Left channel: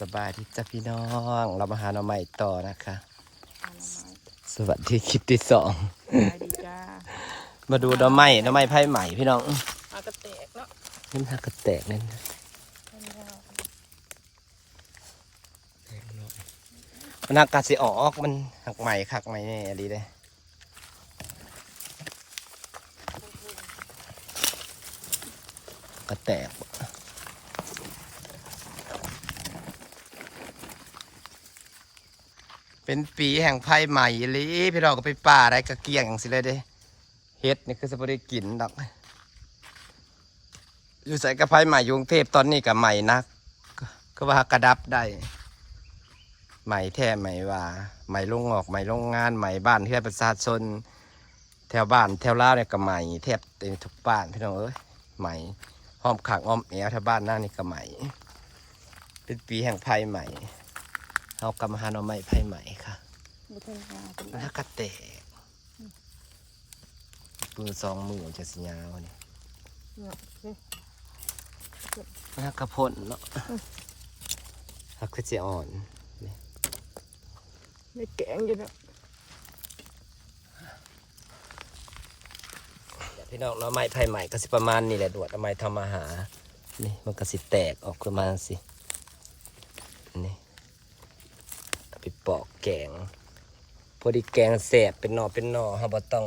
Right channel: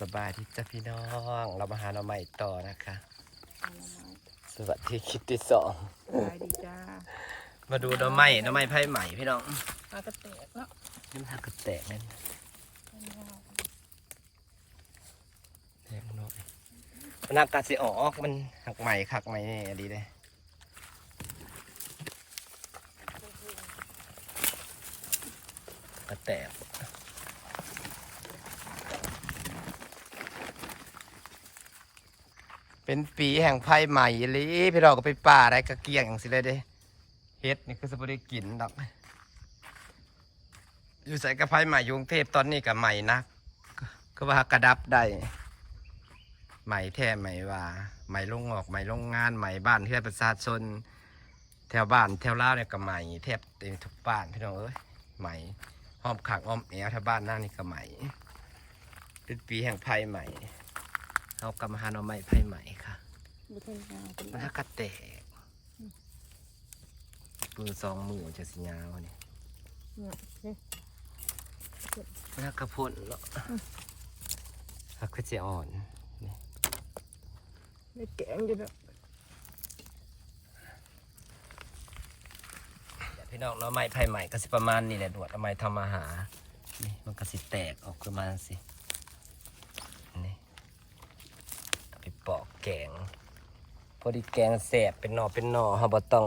สบายดีจ้ะพี่น้อง เรามาหาหน่อไม้ต่อนะคะเอาหน่อไม้สวัสดีคลิปที่สอง ได้ดีจ้ามาดูหน่อไม้หน่อไม้ไผ่ใหม่พี่น้องเอากระเตกเนาะนี่มันหักกระแตกนั่นแตกหน่อยมันหักกาสิออกมันหักใหม่คักใหม่แน่ดีเลยกระแตก เป็นปีแห่งไพ่ใหม่อีหลีพี่เราก็ไปป่าอะได้กระเกียงอย่างสิเลยเด้เฮ็ดนี่คือสปได้กินดอกอยู่ใส่กระไพ่ใหม่ยุงเทพตอนนี้กับใหม่นัก ก็ว่ากระดับได้ใหม่แท้ใหม่ว่าใหม่ลงออกใหม่โรงงานใหม่บ้านเพื่อประชาชนแถวบ้านแถวล่าเนี่ยก็ใหม่แทบเต็มทุกบ้านพี่น้องเอ้ยใหม่ห้อมขังอ้อมแอวแถวบ้านหน้านี่ก็ใหม่เป็นปีแห่งไพ่ใหม่ เอากำมหาหน่อไม้ไพ่ใหม่ค่ะบุทนยาเป็นมันหักกระแตกปืนสองมือมันจะสิยาวนี่เนี่ยเนี่ยมันหักกระพ่นเนาะหักคือจะอ่อนไม่แกงอยู่เนาะพี่น้องหน่อไม้ไผ่ใหม่ก็สิประมาณนี่แหละดวดหน่อไม้ทำอาหารนี่มันก็สิแตกออกประมาณสินี่เอาไปปอก แกง พอดีแกงแสบเป็นหน่อเป็นหน่อเฮาบ่ต้อง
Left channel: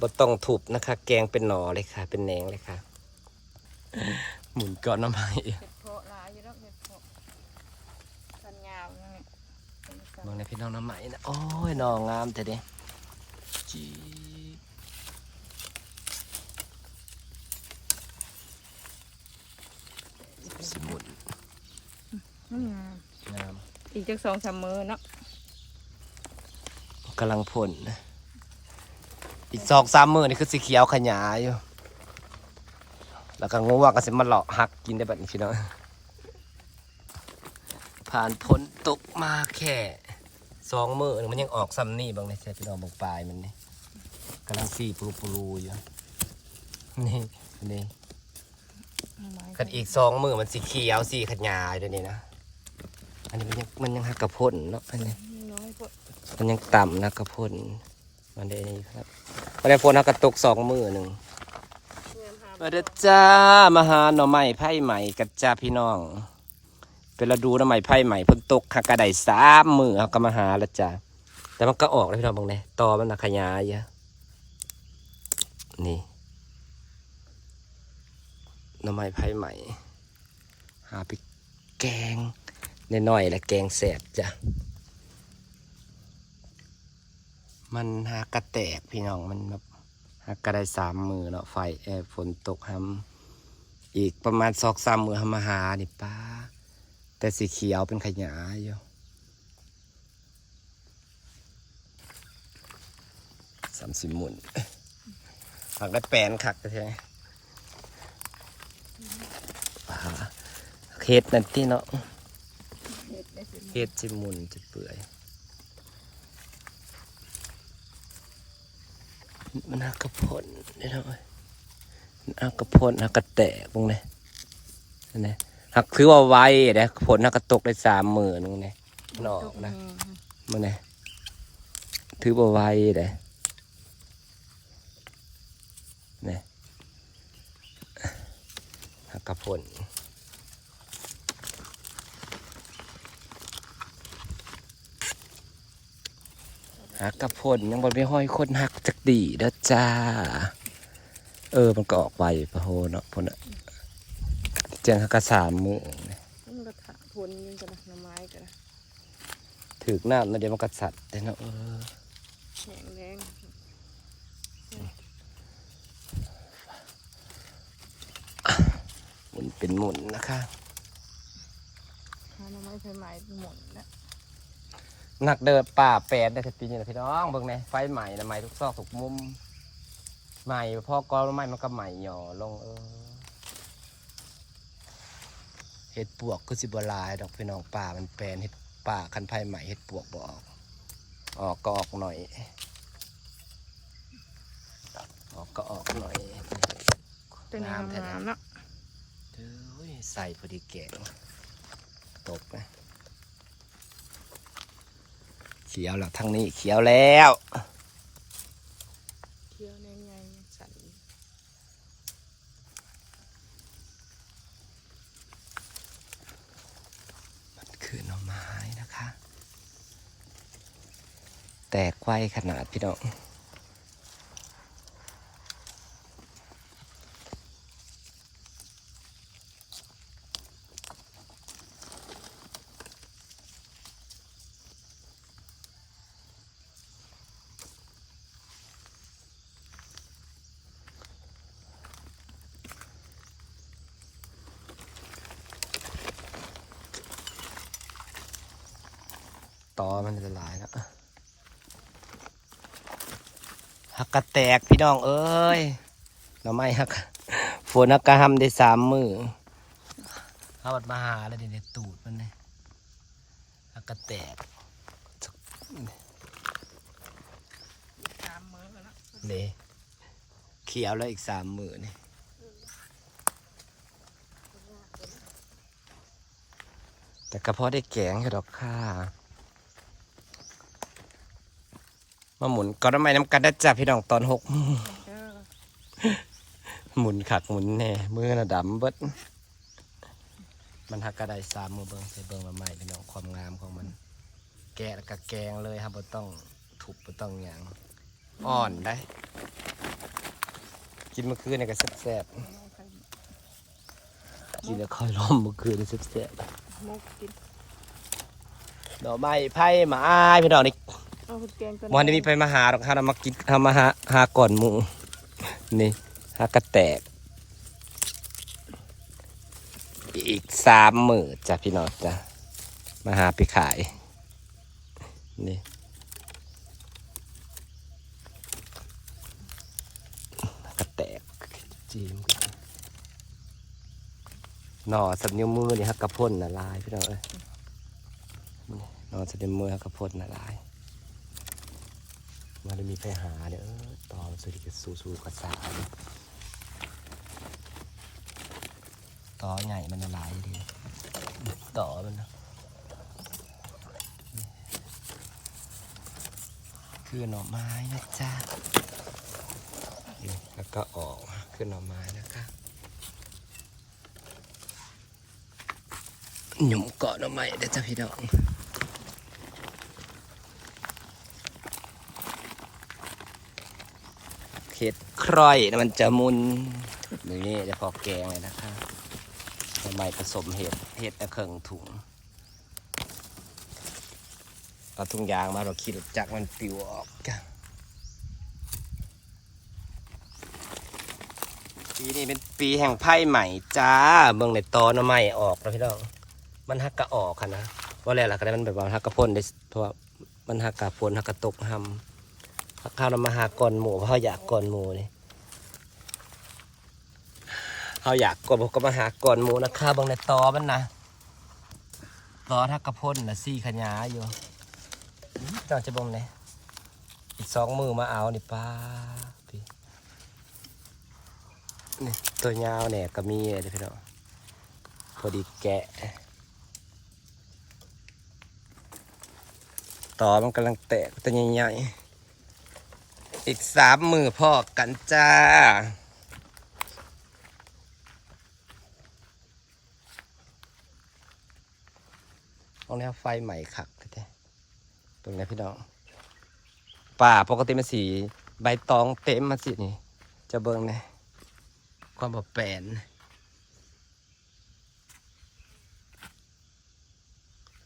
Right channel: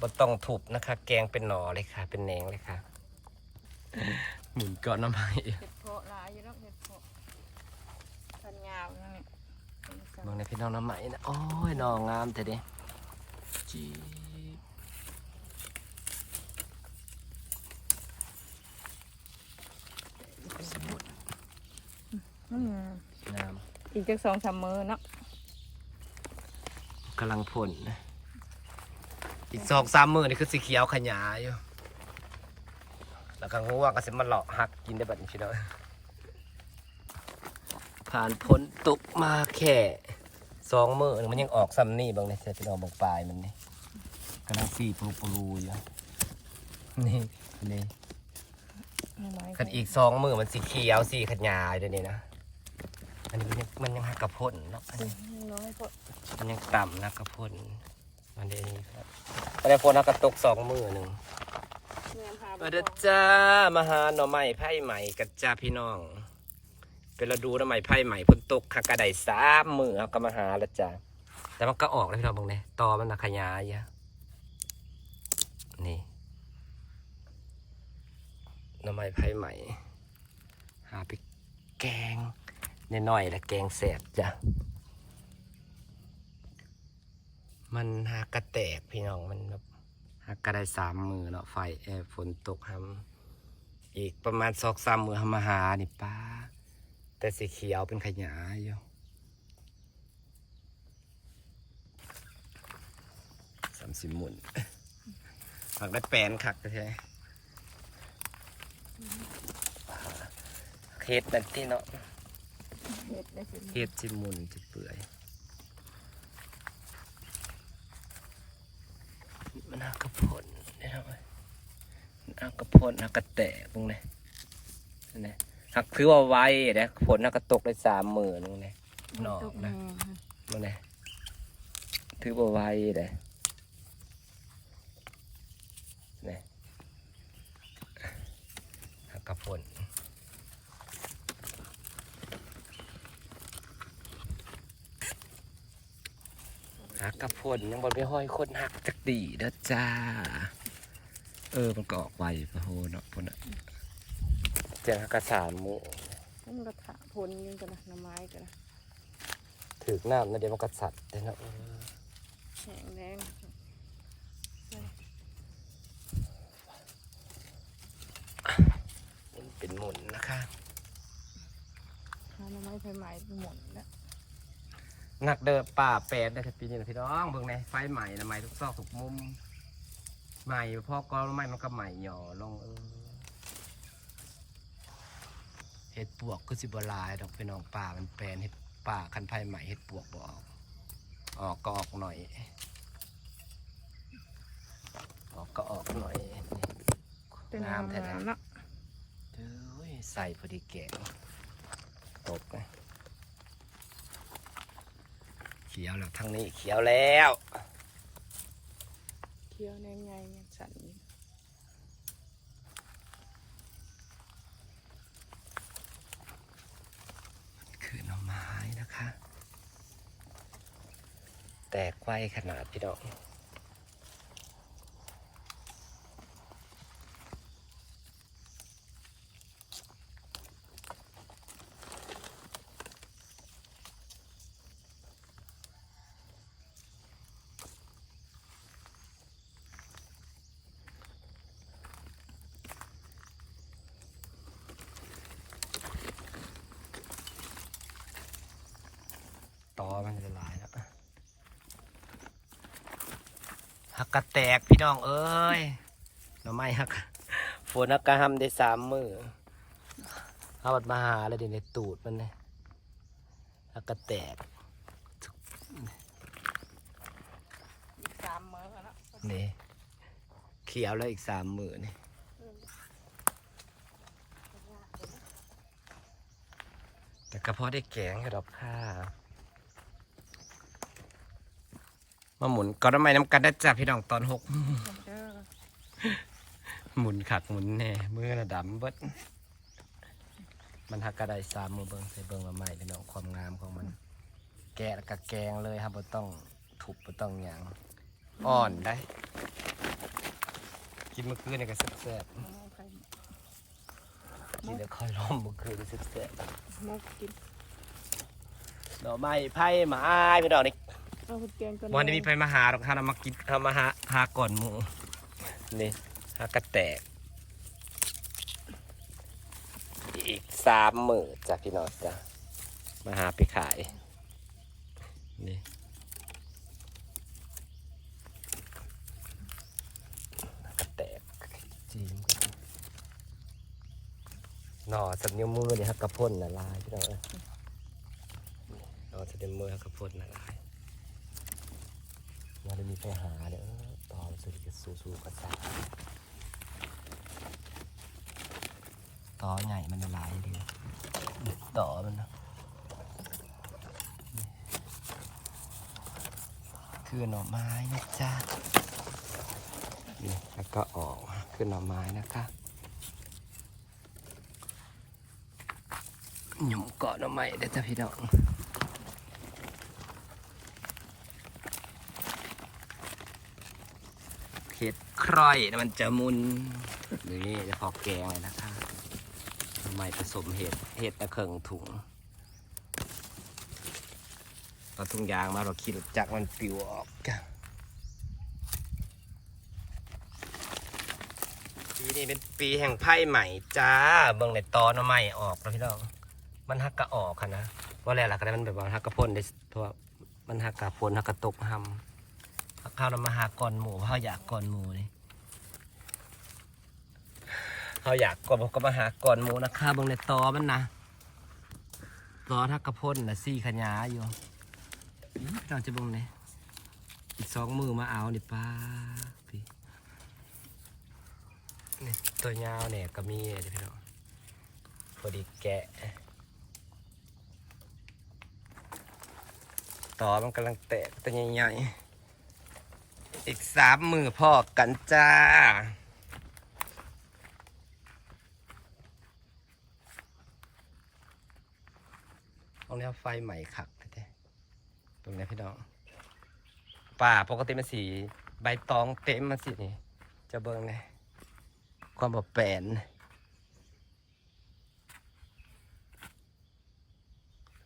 บ่ต้องทุบนะคะ แกงเป็นหน่อเลยค่ะ เป็นแหนงเลยค่ะ หมุนก้อนหน้ำไม้เห็ดเพาะหลายอยู่เนาะเห็ดเพาะพันยาวนั่นนี่เป็นกมองในพี่น้องน้ำไหมนะโอ้ยหนองามแต่เด้จีบสมุน อืม งาม อีกจักสองสามมือเนาะกำลังผลนะอีกสองสามมือนี่คือสีเขียวขยายอยู่ แล้วก็งงว่าก็จะมาหลอกหักกินได้แบบนี้พี่น้องผ่านพ้นตกมาแค่สองมือนี่มันยังออกซ้ำนี่บางเลยใช่พี่น้องบางปลายมันนี่กำลังสีปลูปลูอยู่นี่นี่หน่อไม้กันอีกสองมือมันสีเขียวสีขยายด้วยนี่นะอั นนี้มันยังมันยังหักกระพ่นเนาะอันนี้น้อยเพาะมันยังต่ำนะกระพ่นมันได้นี่ครับอะไรพ่นหักกระตกสองมือหนึ่งเงินหามาเด้อจ้ามาหาหน่อไม้ไผ่ใหม่กับจ้าพี่น้อง เป็นฤดูหน่อไม้ไผ่ใหม่เพิ่งตกหักกระไดสามมือเขาก็มาหาแล้วจ้าแต่มันก็ออกแล้วพี่น้องบางเนี่ยตอมันนะขยายเยอะนี่หน่อไม้ไผ่ใหม่ หาไปแกง น้อยๆและแกงแสบจ้ะ มันหากระแตกพี่น้องมันแบบหากก็ได้สามมือเนาะไฟแอร์ฝนตกหำอีกประมาณสองสามมือหำมาหานี่ป้า แต่สีเขียวเป็นขยายอยู่สามสิบหมุนผักได้แปลนคักใช่ไหมเฮ็ดนั่นที่เนาะ เห็ดจิมุนจะเปื่อยนหักระพนได้ทำไมนหักระพนหักระแตกตรงนี้นนี้หักคือว่าไว้นะผลหักกระตกได้สามหมื่นนี่นอกนะมันนี่ถือว่าไวเลยนี่หักกระพน หักกระพนยังบนไม่ห้อยคนหักจักดีเด้อจ้า เออ มันก็ออกไวพะโหเนาะพนน่ะเจียงหักกระสามมือมันกระถาพนอยังกันนะหน่อไม้กันนะถือน้ำแล้วเดี๋ยวมันก็สัตว์เนาะเออแข็งแรงมันเป็นหมุนนะคะหาหน่อไม้ไฟไหม้หมดแล้ว หนักเดินป่าแปดได้สักปีนี่แหละพี่น้องเบิ่งไหมไฟใหม่นะใหม่ทุกซอกทุกมุมใหม่พอกอใหม่มันก็ใหม่หย่อลงเออเห็ดปวกก็สิบหลายดอกพี่น้องป่ามันแปลนเห็ดป่าคันไฟใหม่เห็ดปวกบออก ออกก็ออกหน่อย ออกก็ออกหน่อยเป็นงามแท้งามๆเนาะเอ้ยใส่พอดีแกงโต ขียวแล้วทางนี้เขียวแล้วเขียวแนมใหญ่แนมสันคือหน่อไม้นะคะ แตกไวขนาดพี่น้อง อมันจะลายแล้วหักกระแตกพี่น้องเอ้ยหน่อไม้หักฝนหักกระหำได้สามมือเอาบัดมาหาแล้วเดี๋ยวในตูดมันเลยหักกระแตกสามมือนี่เขียวแล้วอีกสามมือนี่แต่กระเพาะได้แกงอยู่ดอกค่ะ มาหมุนก้อนน้ำไม้น้ำกันได้จ้ะพี่น้องตอนหกเด้อหมุนขักหมุนแน่มือน่ะดำเบิดมันหักกระไดสามมือเบิงใส่เบิงมาใหม่พี่น้องความงามของมัน แกะแล้วก็แกงเลยครับบ่ต้องทุบบ่ต้องหยังอ่อนได้ กินเมื่อคืนนี่ก็แซ่บเอาไว้ใครๆกินแล้วค่อยล้มเมื่อคืนนี่แซ่บมกกินๆดอกไม้ไผ่หมาอ้ายพี่น้องนี่ เอาคุณแกงก่อนวันนี้มีไปมาหาดอกฮาเรามากินทำมาหาหาก่อนหมูนี่หากระแตก อีกสามหมื่นจ้ะพี่น้องจ้ะมาหาไปขาย นี่กระแตกจริงหน่อสับนิ้วมือนี่ฮักกระพ่นละลายพี่น้องเอ้ยหน่อสับนิ้วมือฮักกระพ่นละลาย มาได้มีไปหาเด้อตองสุริกสู้สู้ๆกระซ่าต่อใหญ่มันละลายดีต่อมันนะคือหน่อไม้นะจ๊ะนี่แล้วก็ออกคือหน่อไม้นะคะหยุ่มเกาะหน่อไม้เด้อจ้ะพี่น้อง เห็ด คร่อยนะมันจะมุนนี่จะพอแกงเลยนะคะทำไมผสมเห็ดเห็ดตะเคิงถุงเอาถุงยางมาเราคิดจากมันปิวออกปีนี้เป็นปีแห่งไพ่ใหม่จ้าเบิ่งในตอนใหม่ออกแล้วพี่น้องมันฮักกะออกค่ะนะว่าอะไรล่ะก็ได้มันแบบว่าฮักกะพ่นได้เพราะว่ามันฮักกะฝนฮักกะตกหำ ข้าวเรามาหาก่อนหมูเพราะเขาอยากก่อนหมูนี่เขาอยากก่อนก็มาหาก่อนหมูนะข้าบางในตอมันนะตอทักกระพ่นนะซี่ขยาอยู่อื้อเจ้าจะบงไหนอีกสองมือมาเอานี่ป้าพี่นี่ตัวยาวเนี่ยก็มีเลยพี่น้องพอดีแกะตอมันกำลังแตกตัวใหญ่ๆ อีกสามมือพ่อกันจ้าเอาแล้วไฟใหม่ขักก็ได้ตรงนี้พี่น้องป่าปกติมันสีใบตองเต็มมาสินี่ จะเบิ่งนะความแบบแปลน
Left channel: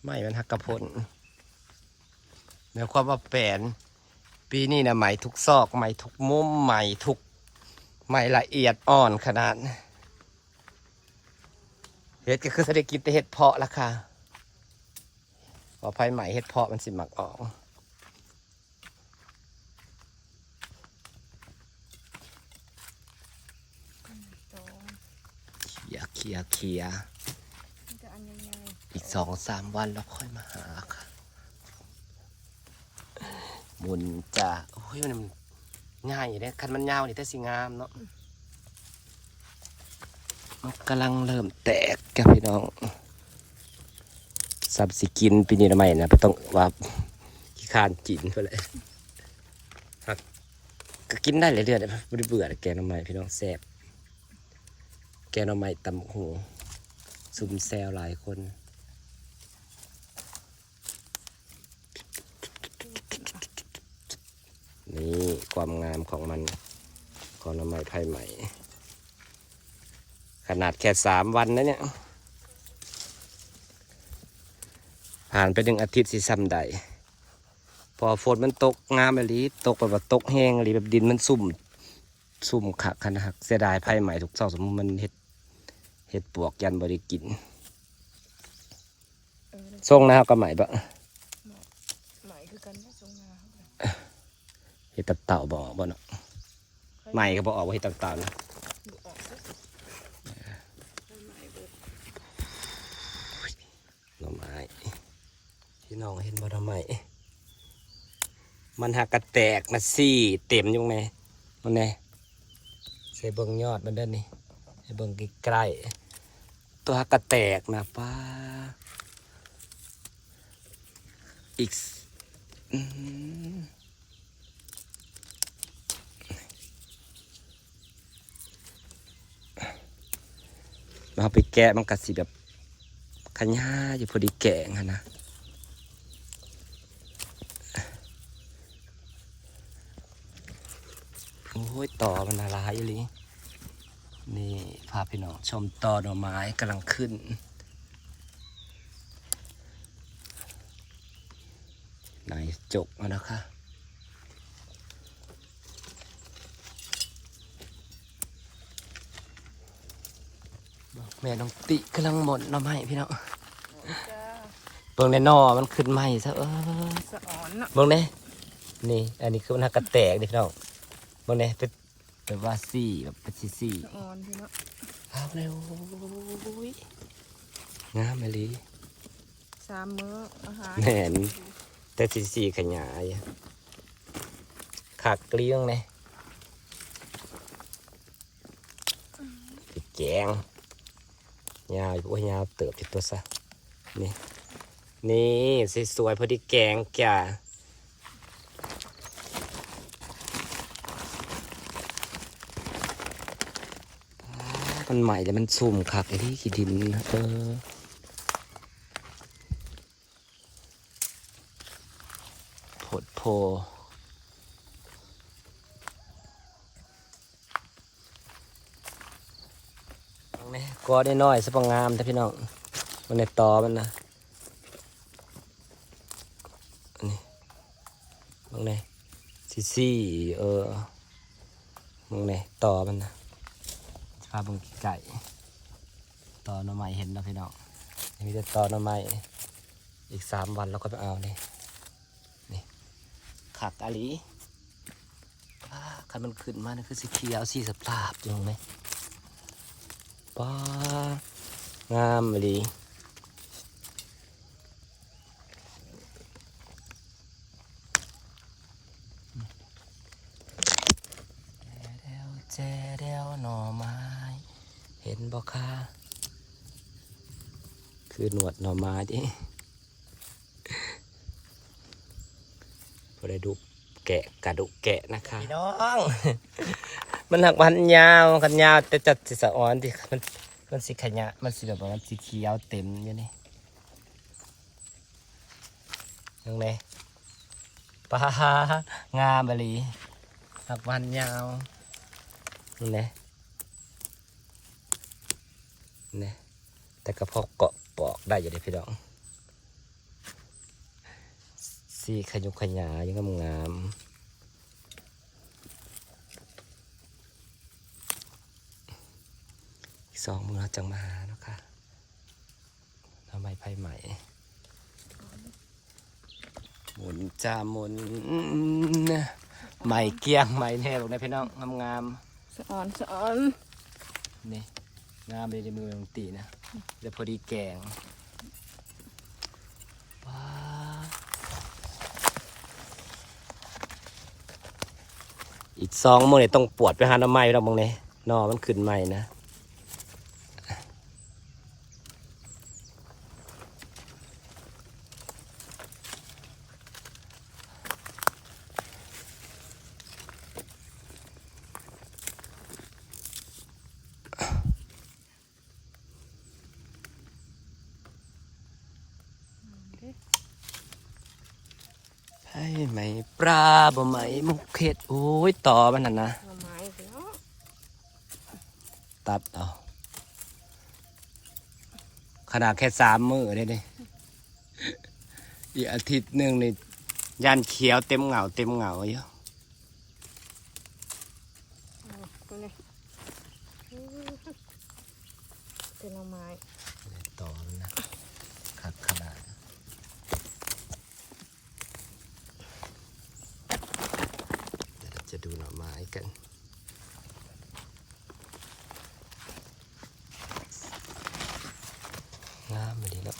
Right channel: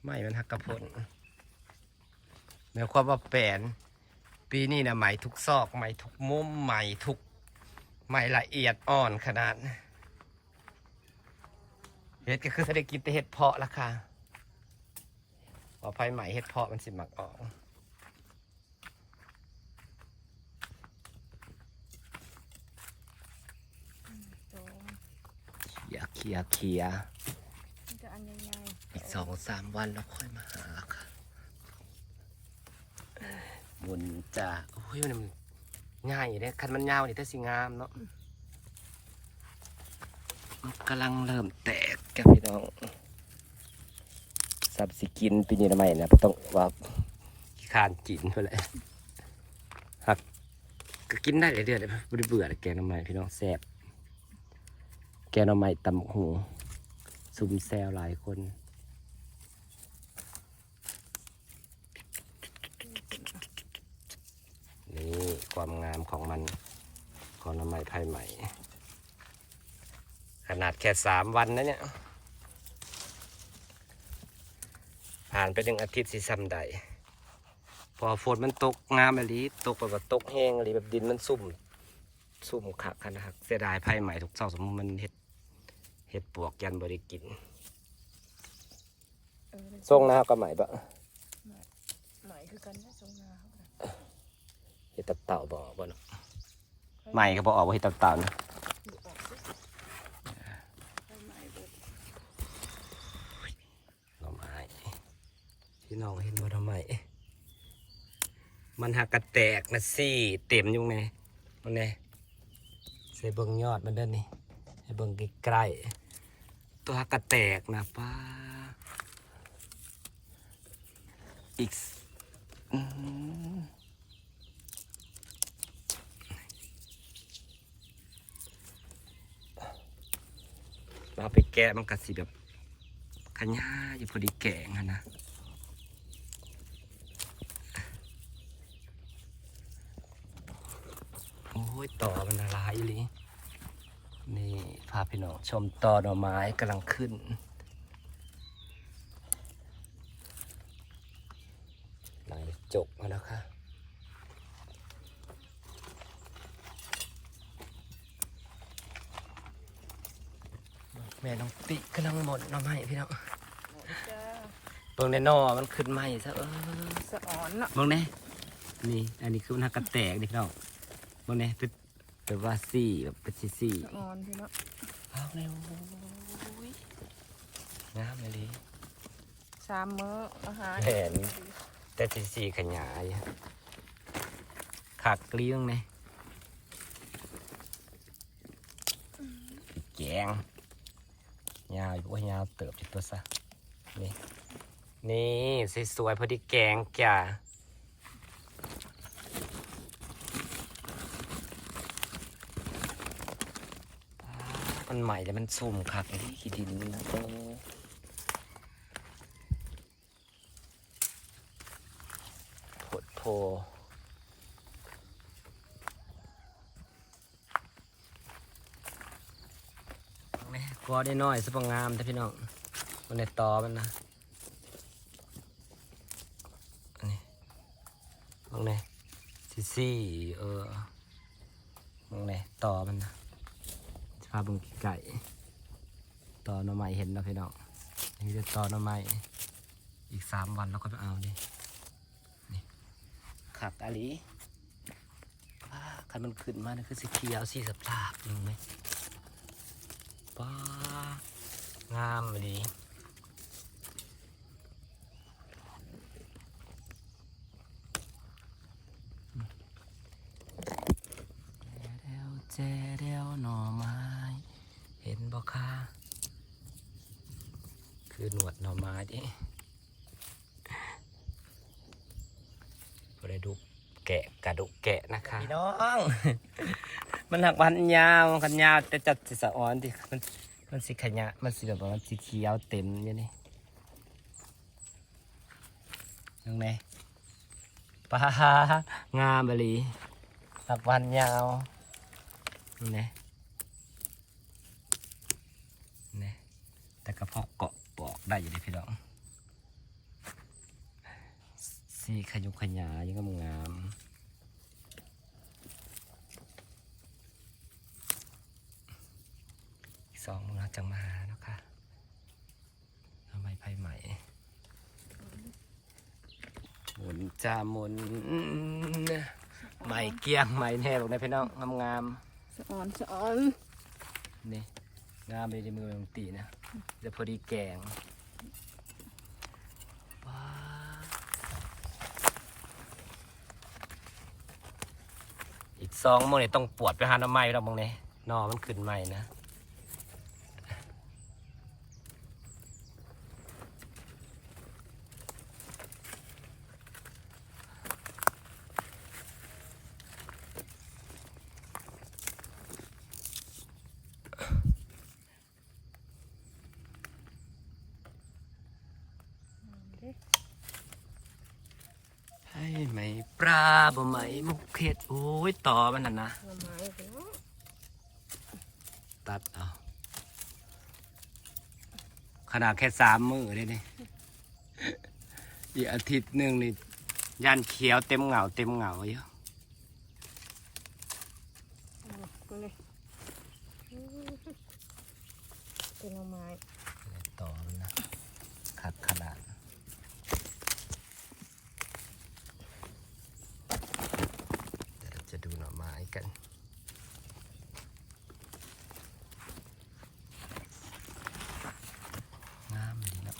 ไม่มันหักกระพนในความว่าแปลน ปีนี้นะไหมทุกซอกไหมทุกมุมไหมทุกไหมละเอียดอ่อนขนาดเห็ดก็คือเศรษฐกิจแต่เห็ดเพาะราคาพอไฟไหมเห็ดเพาะมันสิหมักออกโตเขียเขียเขียมันจะอันใหญ่ๆอีกสองสามวันแล้วค่อยมาหาค่ะ หมุนจ้าโอ้ยมันง่ายอยู่เนี่ยคันมันยาวนี่แต่สิงามเนาะมันกำลังเริ่มแตกจ้ะพี่น้องสับสิกินปีนี้ทำไมนะบ่ต้องว่าคร้านกินเพื่อเลยครับก็กินได้เรื่อยๆเลยไม่ได้เบื่อเลยแกงหน่อไม้พี่น้องแซ่บแกงหน่อไม้ตำบักหูซุ่มแซวหลายคน นี่ความงามของมันของหน้ำไม้ไผ่ใหม่ ขนาดแค่สามวันนะเนี่ยผ่านไปหนึ่งอาทิตย์สิซ้ำใด พอฝนมันตกงามอะไรตกแบบว่าตกแห้งอะไรแบบดินมันซุ่ม ซุ่มขักขนาดเสียดายไผ่ใหม่ทุกเสาสมมติมันเห็ดเห็ดปวกยันบริกินเออส่งนะครับก็ใหม่ปะใหม่คือกันได้ทรงงาเขาเลย เห็ดตับเต่าบ่อบ่เนาะใหม่ก็บอออกว่าเห็ดตับเต่านะดูออกสิไปใหม่เบิดหน่อไม้พี่น้องเห็นบ่หน่อไมมันหักกระแตกนะซี่เต็มอยุ่งไงมันไงใส่เบิ่งยอดมันเด้นนี่ให้เบิ่งใกล้ๆตัวหักกระแตกนะป้าอีกสอืม เราไปแกะมันกัสิแบบขย้าอยู่พอดีแกงนะโอ้ยต่อมันละลายอยู่ลินี่พาพี่น้องชมต่อหน่อไม้กำลังขึ้นไหนจบแล้วนะคะ แม่น้องติกำลังหมดหน่อไม้พี่น้องจ้าเบิ่งในนอมันขึ้นไหมซะเออสะอ่อนเนาะเบิ่งนี่นี่อันนี้คือมันหักกระแตกดิพี่น้องเบิ่งนี่เป็นเป็นว่าซี่แบบเป็นซี่ซี่สะอ่อนพี่เนาะเอาเร็วงามเลยสามมื้ออาหารแหนแต่ซี่ซี่ขยายขากเกลี้ยงเลยแกง ยาวอยู่ยาวเติบที่ตัวซะนี่นี่สวยๆพอดีแกงแก่มันใหม่แต่มันซุ่มคักไอ้ที่ขี้ดินนะเออโพดโพนี่ก อได้น้อยสักงามแต่พี่น้องมันในตอมันนะมึงเนี่ยซีซี่เออมึงเนี่ยต่อมันนะพาบึงไก่ต่อหน่อไม้เห็นแล้วพี่น้องนี่จะต่อหน่อไม้อีกสามวันแล้วก็ไปเอานี่นี่ขักอาลีคันมันขึ้นมานี่คือสีเขียวสีสภาพอยู่ไหม ป้างามอาลีแจเดวแจเดวหน่อไม้ เห็นบ่ค่ะคือหนวดหน่อไม้ดิพอได้ดูแกะกระดูกแกะนะคะพี่น้อง มันหักมันยาวกันยาวแต่จัดสิสะอ่อนที่มันมันสิขยะมันสิแบบว่ามันสีเขียวเต็มอยู่นี่ยังไงปลางามบลีหักวันยาวนี่นี่แต่กระเพาะเกาะปอกได้อยู่ดิพี่น้องสีขยุกขยายังงามงามอีกสองมือเรา จังมาหาเนาะค่ะทำไมไพ่ใหม่หมุนจ้าหมุนใหม่เกลียงใหม่แน่บอกนะพี่น้องงามงามสะอ่อนสะอ่อนๆนี่งามเลยในมือของตีนะเดี๋ยวพอดีแกงว้าอีกสองมือเนี่ยต้องปวดไปหาน้ำไม้แล้วมองเนี่ยนอมันขึ้นใหม่นะ ไหม ปลาบ่ไหมมุกเข็ดโอ้ยต่อมันน่ะนะหน่อไม้สิเนาะตัดเอาขนาดแค่สามมือเลยนี่อีกอาทิตย์หนึ่งนี่ยันเขียวเต็มเหงาเต็มเหงาอยู่เอาตัวนี้อื้อเป็นหน่อไม้ ต่อมันนะขัดขนาดเดี๋ยวเราจะดูหน่อไม้ กัน งามเลยนะ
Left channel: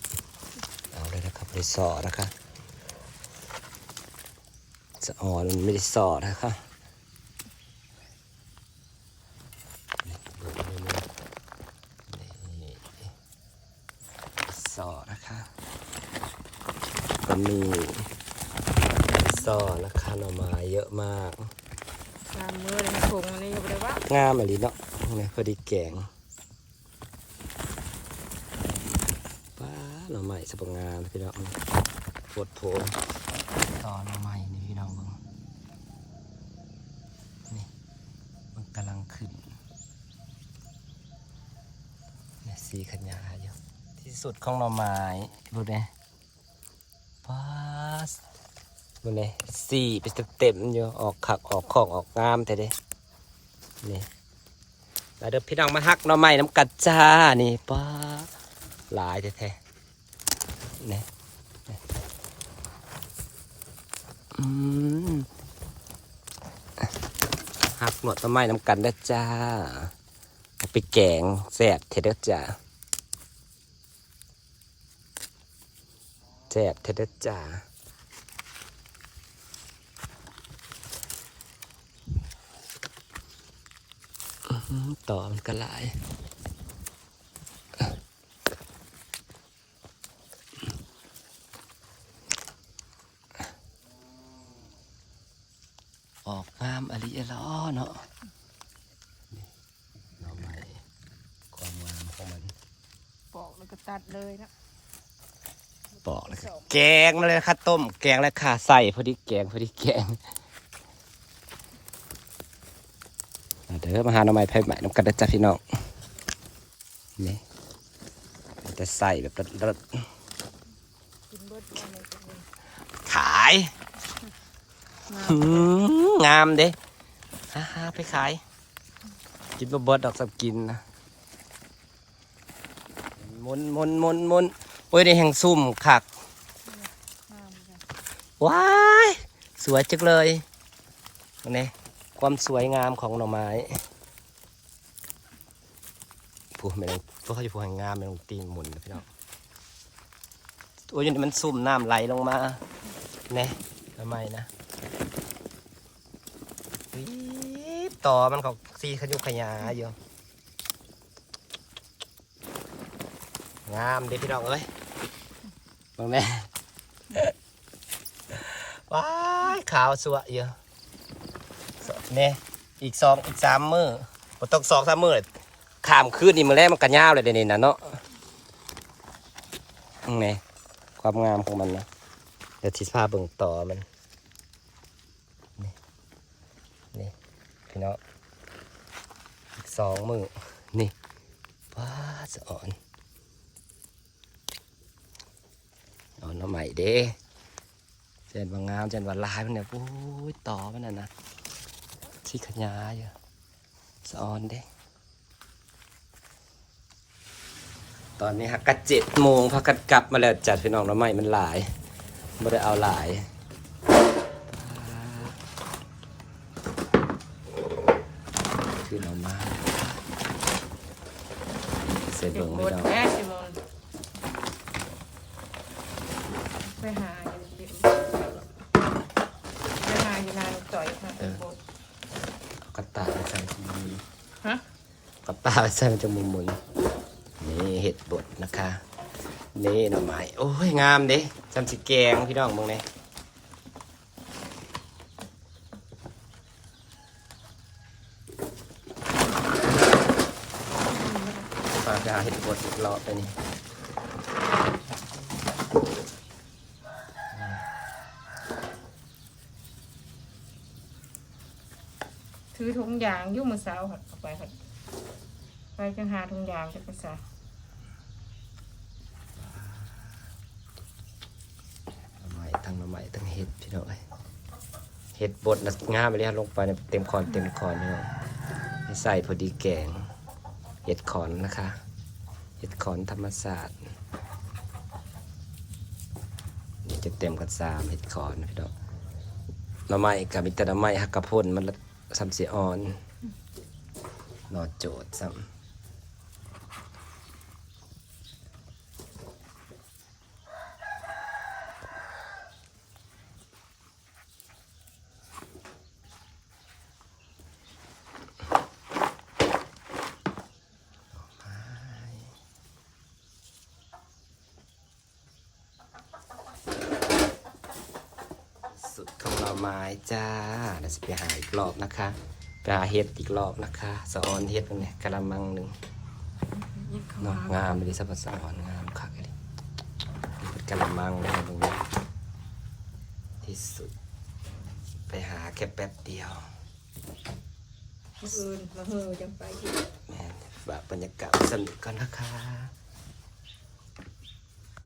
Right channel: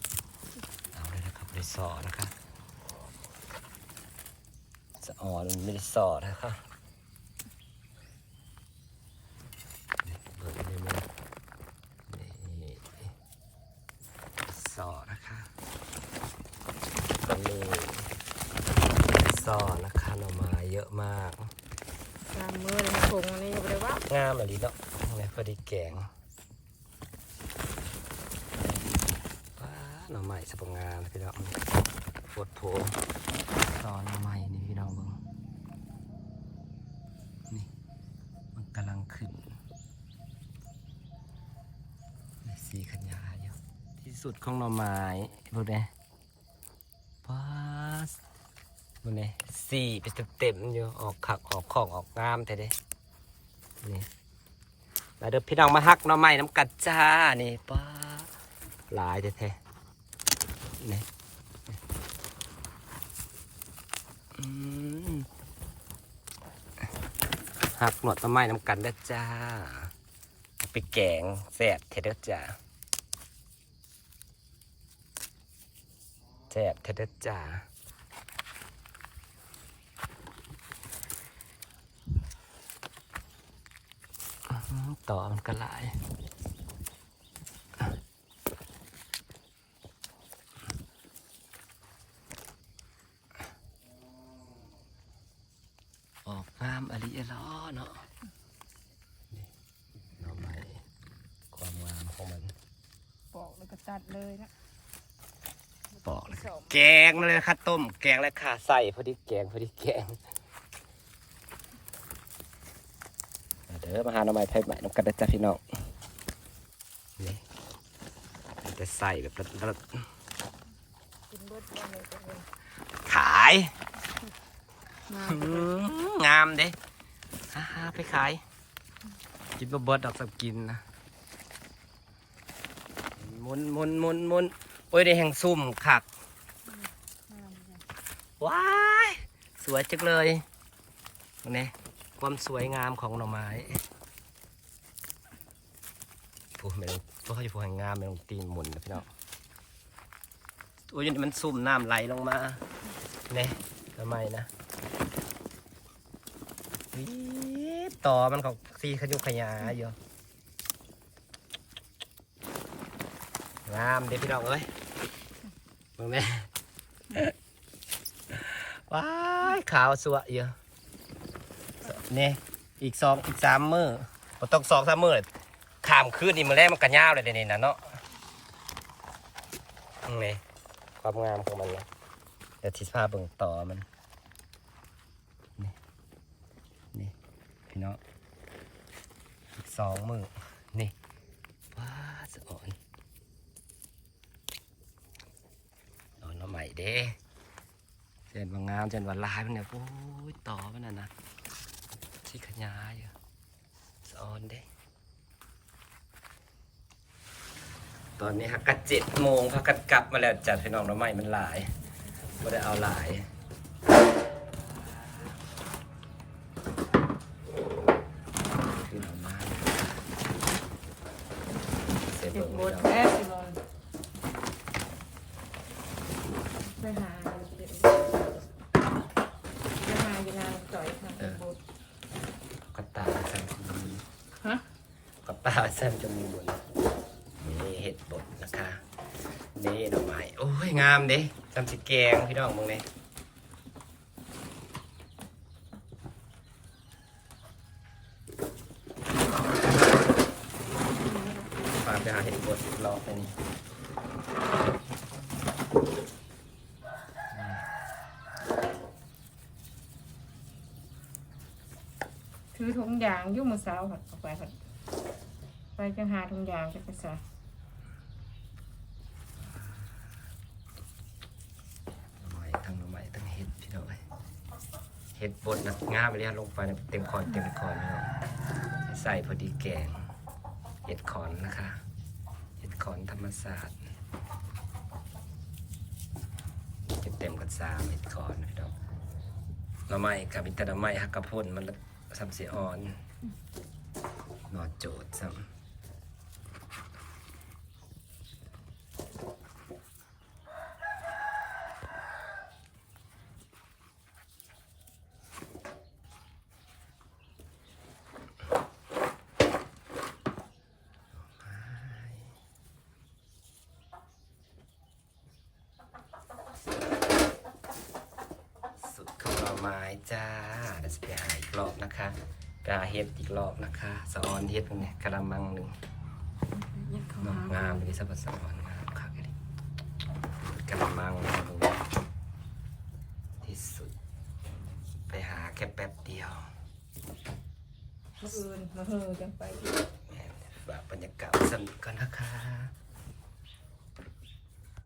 เอาเลยนะครับไปสอนะคะจะอ่อนมันไม่ได้สอนะคะนี่เบิกเลยนะนี่สอนะคะมีสอนะคะหน่อไม้เยอะมาก สามมือเลยผงอันนี้ก็บ่ได้ว่างามเลยเนาะนี่พอดีแกงว้าหน่อไม้สปงงามพี่น้องปวดโผต่อหน่อไม้นี่พี่น้องเบิ่งนี่มันกำลังขึ้นนี่สีขยาอยู่ที่สุดของหน่อไม้ดูเนี่ยว้าส ดูเนี่ยสี่เป็นเต็มอยู่ออกขักออกของออกงามแต่เด้นี่มาเด้อพี่น้องมาฮักน่อไม้น้ำกัดจ้านี่ป้าหลายแท้ๆนี่นี่อืมฮักหนวดหน่อไม้น้ำกันได้จ้าไปแกงแซ่บเทเด้จ้าแซ่บเทเด้จ้า ต่อมันก็หลายออกงามอริเอลอเนาะนี่หน่อไม้ความงามของมันปอกแล้วก็ตัดเลยนะปอกเลยค่ะแกงมาเลยค่ะต้ม แกงแล้วค่ะใส่พอดีแกงพอดีแกง เดี๋ยวมาหาหน่อไม้ไผ่ใหม่น้ำกันนะจ๊ะพี่น้องนี่จะใส่แบบรสกินรสมาเลยตัวเองๆขายงามเด้ฮ่าฮไปขายกินบะเบิดดอกสับกินนะมุนมุนมุนมุนโอ้ยในแห่งซุ่มคักงามเลยว้าย สวยจังเลยนี่ ความสวยงามของหน่อไม้ผู้ไม่ต้องตัวเขาจะผู้แห่งงามไม่ต้องตีนหมุนนะพี่น้องโอ้ยนี่มันซุ่มน้ำไหลลงมาเนี่ยทำไมนะอี๊บต่อมันเขาซีขยุกขยาอยู่งามเด้พี่น้องเอ้ยมองแม่ว้ายขาวสวยเยอะ เนี่ยอีกสองอีกสามมือบ่ต้องสองสามมือขามขึ้นนี่มือแรกมันกระยาวเลยเดี๋ยวนี้นะเนาะนี่ความงามของมันนะเดี๋ยวทิศพาเบิ่งต่อมันนี่นี่พี่เน้องอีกสองมือนี่ว้าสะอ่อนเอาหน้ำใหม่เด้เจนว่างามเจนว่าลายมันเนี่ยโอ้ยต่อมันน่ะนะ ที่ขยายอยู่สอนเด้ตอนนี้ฮักกะเจ็ดโมงพักกันกลับมาแล้วจัดเป็นออกน้ำใหม่มันหลายไม่ได้เอาหลายเรามาเสร็จเด็กลงบดแม่สิมอนไปหา ขาสั้นจมีมุนนี่เห็ดบดนะคะ นี่หน่อไม้โอ้ยงามเด้จำสีแกงพี่น้องมึงเนี่ยปลาดาเห็ดบดรอไปนี่ถือถุงยางยุ่มมือสาวหัดออกไปหัด ไปจังหาถุงยางจะไปใส่ใหม่ทั้งใหม่ทั้งเห็ดพี่น้องเอ้ยเห็ดบดนะงามไปเลยลงไปเนี่ยเต็มคอนเต็มคอนพี่น้องใส่พอดีแกงเห็ดขอนนะคะ เห็ดขอนธรรมศาสตร์จะเต็มกันซามเห็ดขอนพี่น้องน้ำไม้กับมิตรน้ำไม้ฮักกระพ่นมันซ้ำเสียอ่อนนอโจดซ้ำสุดของหน่อ ไม้จ้าเดี๋ยวจะไปหาอีกรอบนะคะไปหาเห็ดอีกรอบนะคะสะออนเห็ดตรงนี้กระมังหนึ่งยังเขาเนาะหางามเลยสับสะออนงามคักเลยเป็นกระมังนะตรงนี้ที่สุด ไปหาแค่แป๊บเดียวมืออื่นมาเฮือจังไปอีกฝากบรรยากาศสนุกกันนะคะ